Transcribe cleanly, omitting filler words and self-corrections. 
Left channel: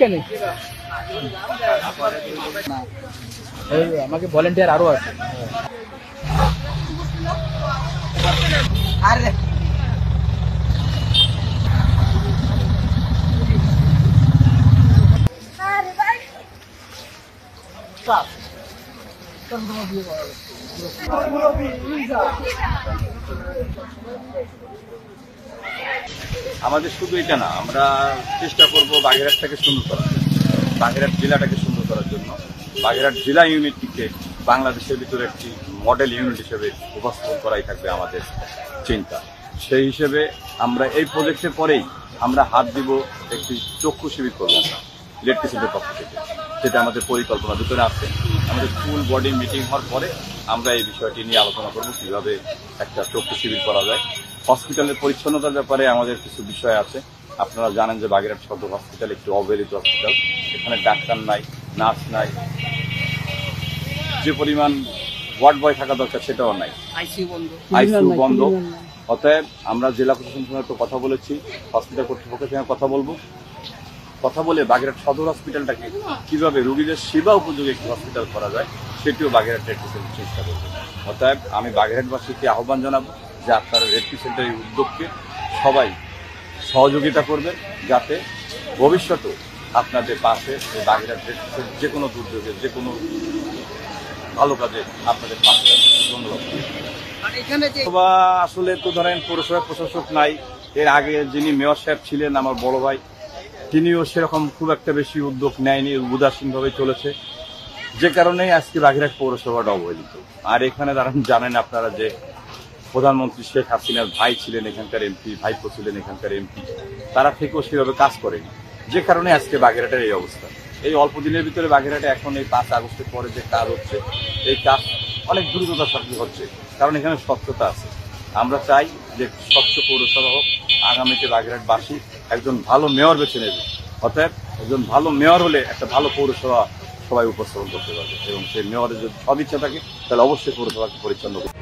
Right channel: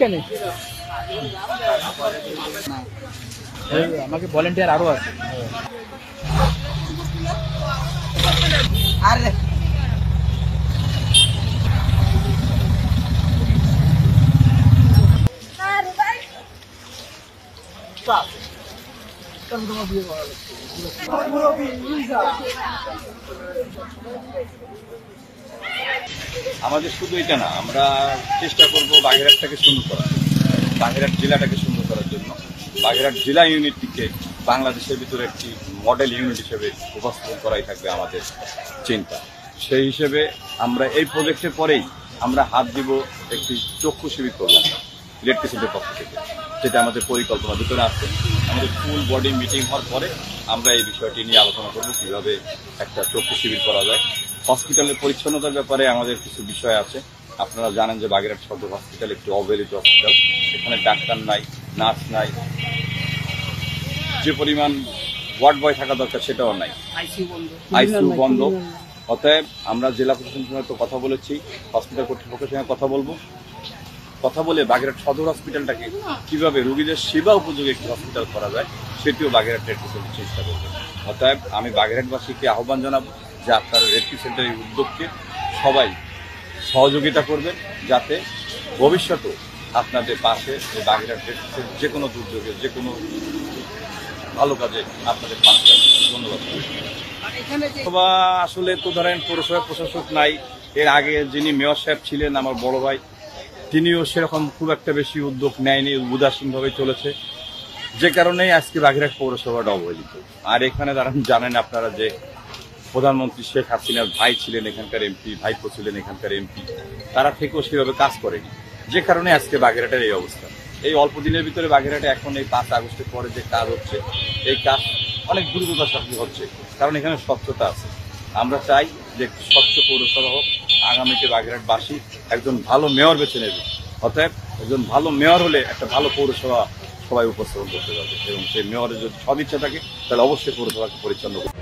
কেন আমাকে ভলেন্টিয়ার আরো আছে। আমাদের শুধু এটা না, আমরা চেষ্টা করব বাগেরহাটটাকে সুন্দর করার জন্য, বাগেরহাট জেলাটাকে সুন্দর করার জন্য, বাগেরহাট জেলা ইউনিটটিকে বাংলাদেশের ভিতরে একটি মডেল ইউনিট হিসেবে উপস্থাপন করাই থাকবে আমাদের চিন্তা। সেই হিসেবে আমরা এই প্রজেক্টের পরেই আমরা হাত দিব একটি চক্ষু শিবির করব আমরা ইলেকট্রিসিটির পক্ষ থেকে, যেটা আমাদের পরিকল্পনার ভিতরে আছে। আমাদের ফুল বডি মিটিং হওয়ার পরে আমরা এই বিষয়টি নিয়ে আলোচনা করব কিভাবে একটা চক্ষু শিবির করা যায়। হসপিটালের পরিচ্ছন্নতার ব্যাপারে আমাদের কিছু বিষয় আছে। আপনারা জানেন যে বাগেরহাট সদর হসপিটাল একটি অবহেলিত হসপিটাল, এখানে ডাক্তার নাই, নার্স নাই, যে পরিমাণ ওয়ার্ড বয় থাকা দরকার সেটাও নাই, আইসিইউ বন্ধ। অতএব আমরা জেলা প্রশাসনের সঙ্গে তো কথা বলেছি, হসপিটাল কর্তৃপক্ষের সঙ্গে কথা বলবো, কথা বলে বাগেরহাট সদর হসপিটালটাকে কিভাবে রোগীদের সেবা উপযোগী একটি হসপিটাল করা যায় সেটিও বাগেরহাট রেড ক্রিসেন্ট চেষ্টা করবে। অতএব আমি বাগেরহাটবাসীকে আহ্বান জানাবো যে আপনারা রেড ক্রিসেন্টের এই উদ্যোগকে সবাই সহযোগিতা করবেন, যাতে ভবিষ্যতেও আপনাদের পাশে বাগেরহাট রেড ক্রিসেন্ট যে কোনো দুর্যোগে, যে কোনো ভালো কাজে আপনাদের পাশে থাকবে। ধন্যবাদ। আসলে তো ধরেন পৌরসভা প্রশাসক নাই, এর আগে যিনি মেয়র সাহেব ছিলেন আমার বড় ভাই, তিনিও সেরকম খুব একটা বেশি উদ্যোগ নেয়নি, উদাসীনভাবে চলেছে, যে কারণেই আজকে বাগেরহাট পৌরসভাটা অবহেলিত। আর এখানে জানেন আপনারা যে প্রধানমন্ত্রী শেখ হাসিনার ভাই ছিলেন এখানকার এমপি, ভাইপো ছিলেন এখানকার এমপি, তারা থেকেও সেভাবে কাজ করেনি, যে কারণে আজকে বাগেরহাটের এই অবস্থা। এই অল্প দিনের ভিতরে বাগেরহাটে এখন এই 5 আগস্টের পরে যে কাজ হচ্ছে, এই কাজ অনেক দ্রুততার সাথে হচ্ছে, কারণ এখানে স্বচ্ছতা আছে। আমরা চাই যে স্বচ্ছ পৌরসভা হোক, আগামীতে বাগেরহাটবাসী একজন ভালো মেয়র বেছে নেবে। অতএব একজন ভালো মেয়র হলে একটা ভালো পৌরসভা সবাই উপস্থাপন করতে পারবে, এবং সেই মেয়রের যদি সদিচ্ছা থাকে তাহলে অবশ্যই পৌরসভাকে পরিচ্ছন্ন করবে।